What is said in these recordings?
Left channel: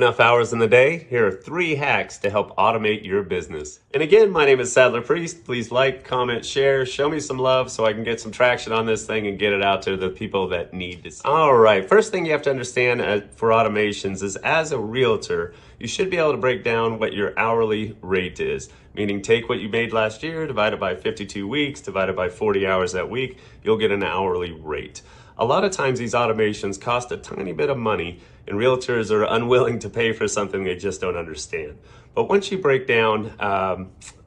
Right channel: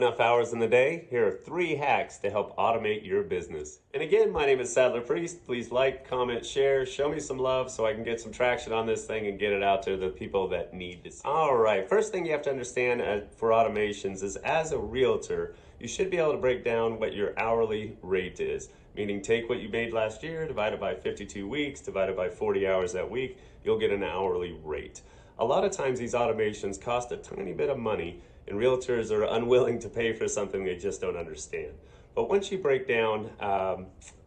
enough hours in the day? Here are 3 hacks to help automate your business. And again, my name is Sadler Priest. Please like, comment, share, show me some love so I can get some traction on this thing and get it out to the people that need to see. All right, first thing you have to understand for automations is as a realtor, you should be able to break down what your hourly rate is. Meaning take what you made last year, divide it by 52 weeks, divide it by 40 hours that week, you'll get an hourly rate. A lot of times these automations cost a tiny bit of money and realtors are unwilling to pay for something they just don't understand. But once you break down,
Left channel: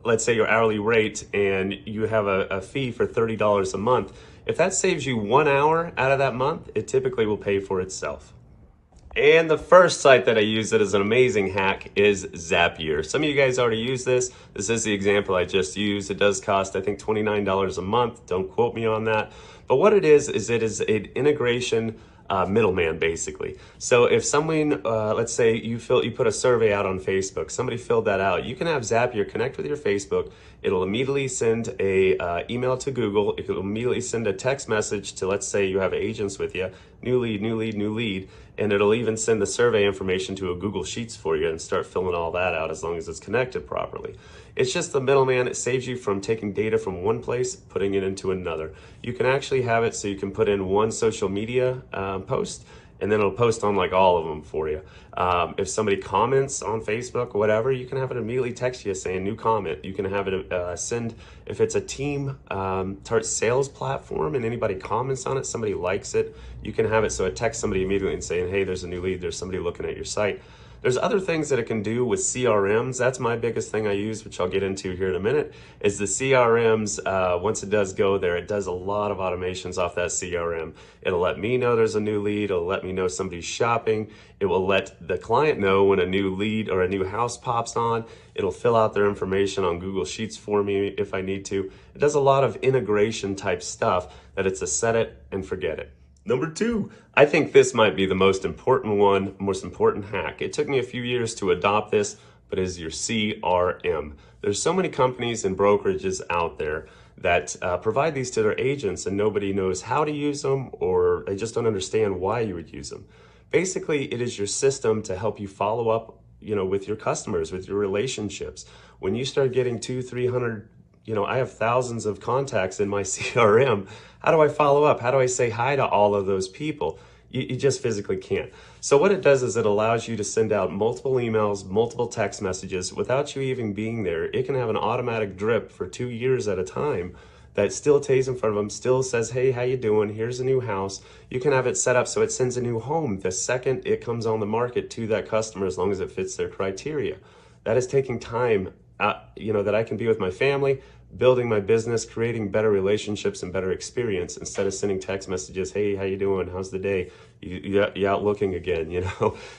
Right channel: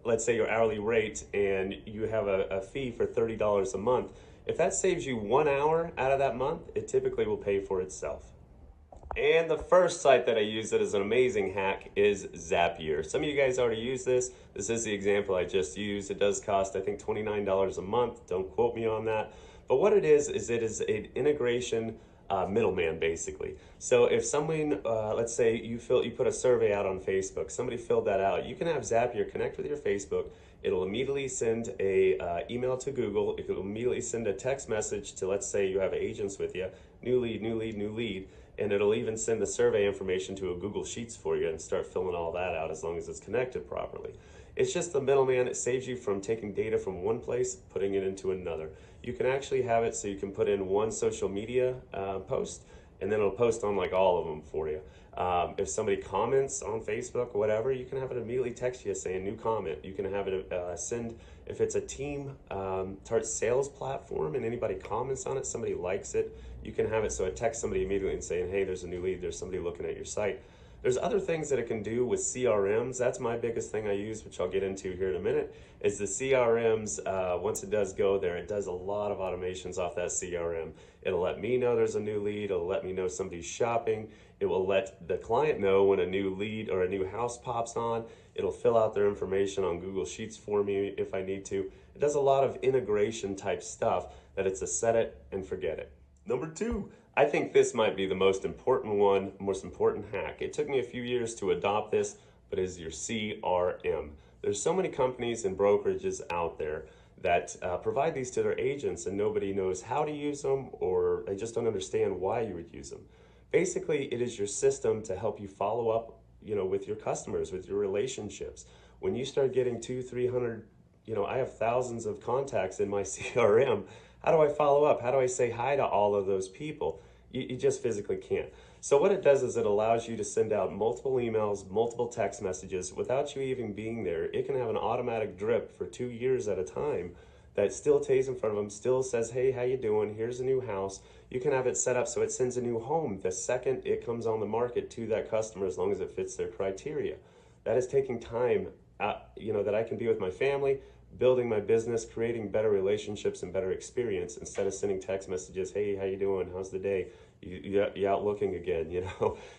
let's say your hourly rate and you have a fee for $30 a month, if that saves you 1 hour out of that month, it typically will pay for itself. And the first site that I use that is an amazing hack is Zapier. Some of you guys already use this. This is the example I just used. It does cost, I think, $29 a month. Don't quote me on that. But what it is it is an integration middleman, basically. So if someone, let's say you put a survey out on Facebook, somebody filled that out, you can have Zapier connect with your Facebook. It'll immediately send a email to Google. It'll immediately send a text message to, let's say you have agents with you, new lead, new lead, new lead, and it'll even send the survey information to a Google Sheets for you and start filling all that out as long as it's connected properly. It's just the middleman. It saves you from taking data from one place, putting it into another. You can actually have it so you can put in one social media post, and then it'll post on like all of them for you. If somebody comments on Facebook or whatever, you can have it immediately text you saying new comment. You can have it send, if it's a team sales platform and anybody comments on it, somebody likes it, you can have it so it texts somebody immediately and saying, hey, there's a new lead, there's somebody looking at your site. There's other things that it can do with CRMs. That's my biggest thing I use, which I'll get into here in a minute, is the CRMs. Once it does go there, it does a lot of automations off that CRM. It'll let me know there's a new lead. It'll let me know somebody's shopping. It will let the client know when a new lead or a new house pops on. It'll fill out their information on Google Sheets for me if I need to. It does a lot of integration type stuff that it's a set it and forget it. Number 2, I think this might be the most important hack. It took me a few years to adopt this, but it is your CRM. There's so many companies and brokerages out there that provide these to their agents and nobody knows how to use them, or they just don't understand why you would use them. Basically, it is your system to help you follow up, with your customers, with your relationships. When you start getting 200-300, I have thousands of contacts in my CRM. How do I follow up? How do I say hi to all of those people? You just physically can't. So what it does is it allows you to send out multiple emails, multiple text messages without you even being there. It can have an automatic drip for 2 years at a time that still stays in front of them, still says, hey, how you doing? Here's a new house. You can have it set up so it sends a new home the second it comes on the market to that customer, as long as it fits their criteria. That is taking time that I can be with my family, building my business, creating better relationships and better experience instead of sending text messages, hey, how you doing? How's the day? You out looking again,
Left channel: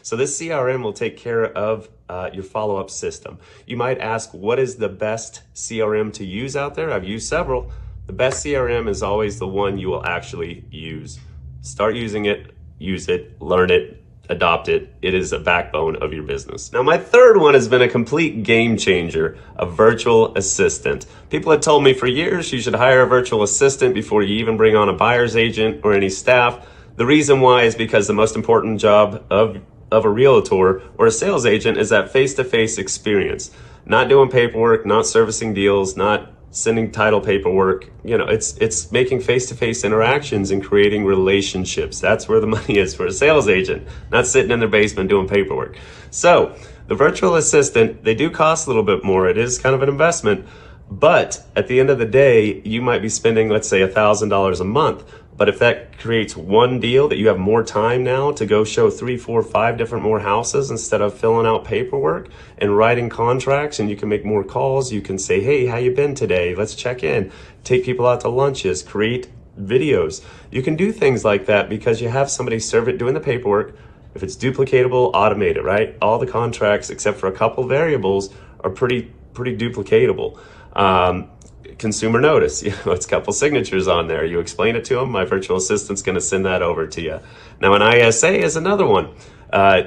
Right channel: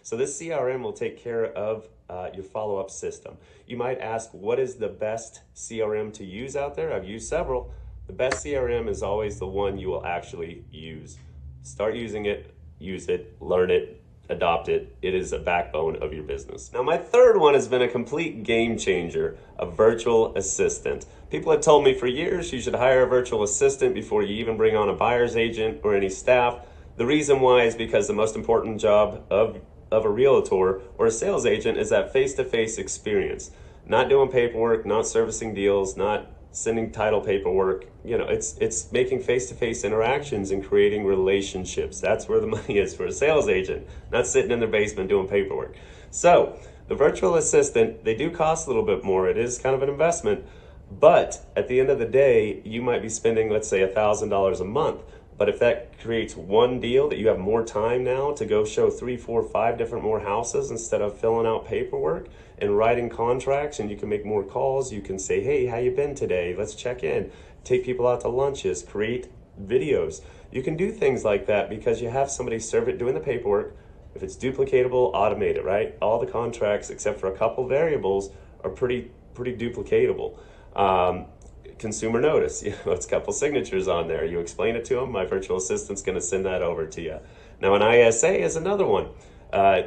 So this CRM will take care of your follow-up system. You might ask, what is the best CRM to use out there? I've used several. The best CRM is always the one you will actually use. Start using it, use it, learn it, adopt it. It is a backbone of your business. Now, my third one has been a complete game changer, a virtual assistant. People have told me for years you should hire a virtual assistant before you even bring on a buyer's agent or any staff. The reason why is because the most important job of a realtor or a sales agent is that face-to-face experience. Not doing paperwork, not servicing deals, not sending title paperwork. It's making face-to-face interactions and creating relationships. That's where the money is for a sales agent, not sitting in their basement doing paperwork. So the virtual assistant, they do cost a little bit more. It is kind of an investment, but at the end of the day, you might be spending, let's say, $1,000 a month. But if that creates one deal that you have more time now to go show 3, 4, 5 different more houses instead of filling out paperwork and writing contracts, and you can make more calls, you can say, hey, how you been today? Let's check in, take people out to lunches, create videos. You can do things like that because you have somebody doing the paperwork. If it's duplicatable, automate it, right? All the contracts, except for a couple variables, are pretty duplicatable. Consumer notice, it's a couple signatures on there. You explain it to them, my virtual assistant's going to send that over to you. Now, an ISA is another one.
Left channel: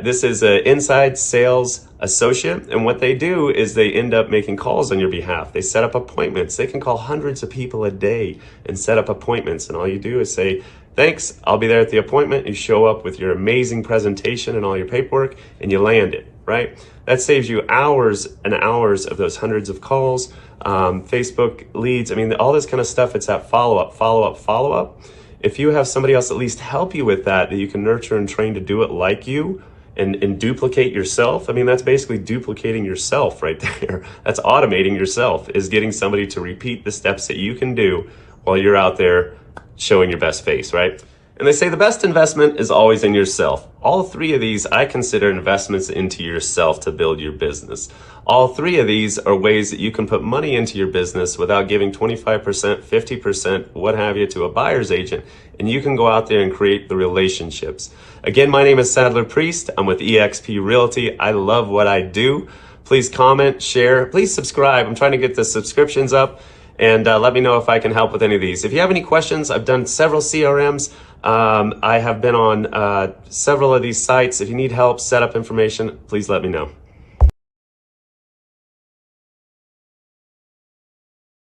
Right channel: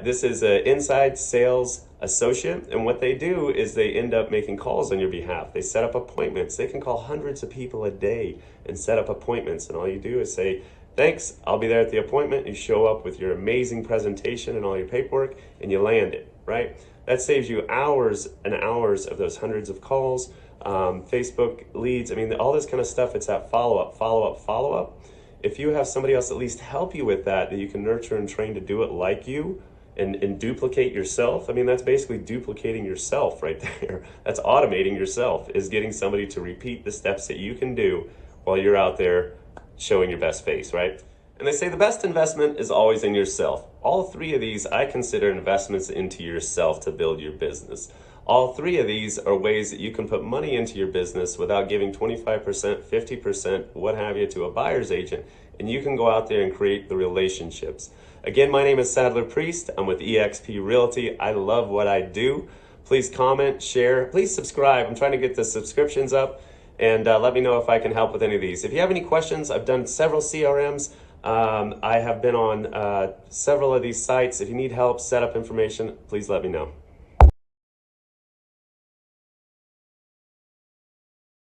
This is an inside sales associate, and what they do is they end up making calls on your behalf. They set up appointments. They can call hundreds of people a day and set up appointments, and all you do is say, Thanks. I'll be there at the appointment. You show up with your amazing presentation and all your paperwork and you land it, right? That saves you hours and hours of those hundreds of calls, Facebook leads. I mean, all this kind of stuff. It's that follow-up, follow-up, follow-up. If you have somebody else at least help you with that you can nurture and train to do it like you and duplicate yourself, I mean, that's basically duplicating yourself right there. That's automating yourself, is getting somebody to repeat the steps that you can do while you're out there showing your best face, right? And they say the best investment is always in yourself. All three of these I consider investments into yourself to build your business. All three of these are ways that you can put money into your business without giving 25%, 50%, what have you, to a buyer's agent. And you can go out there and create the relationships. Again, my name is Sadler Priest. I'm with eXp Realty. I love what I do. Please comment, share, please subscribe. I'm trying to get the subscriptions up. And let me know if I can help with any of these. If you have any questions, I've done several CRMs. I have been on several of these sites. If you need help, set up information, please let me know.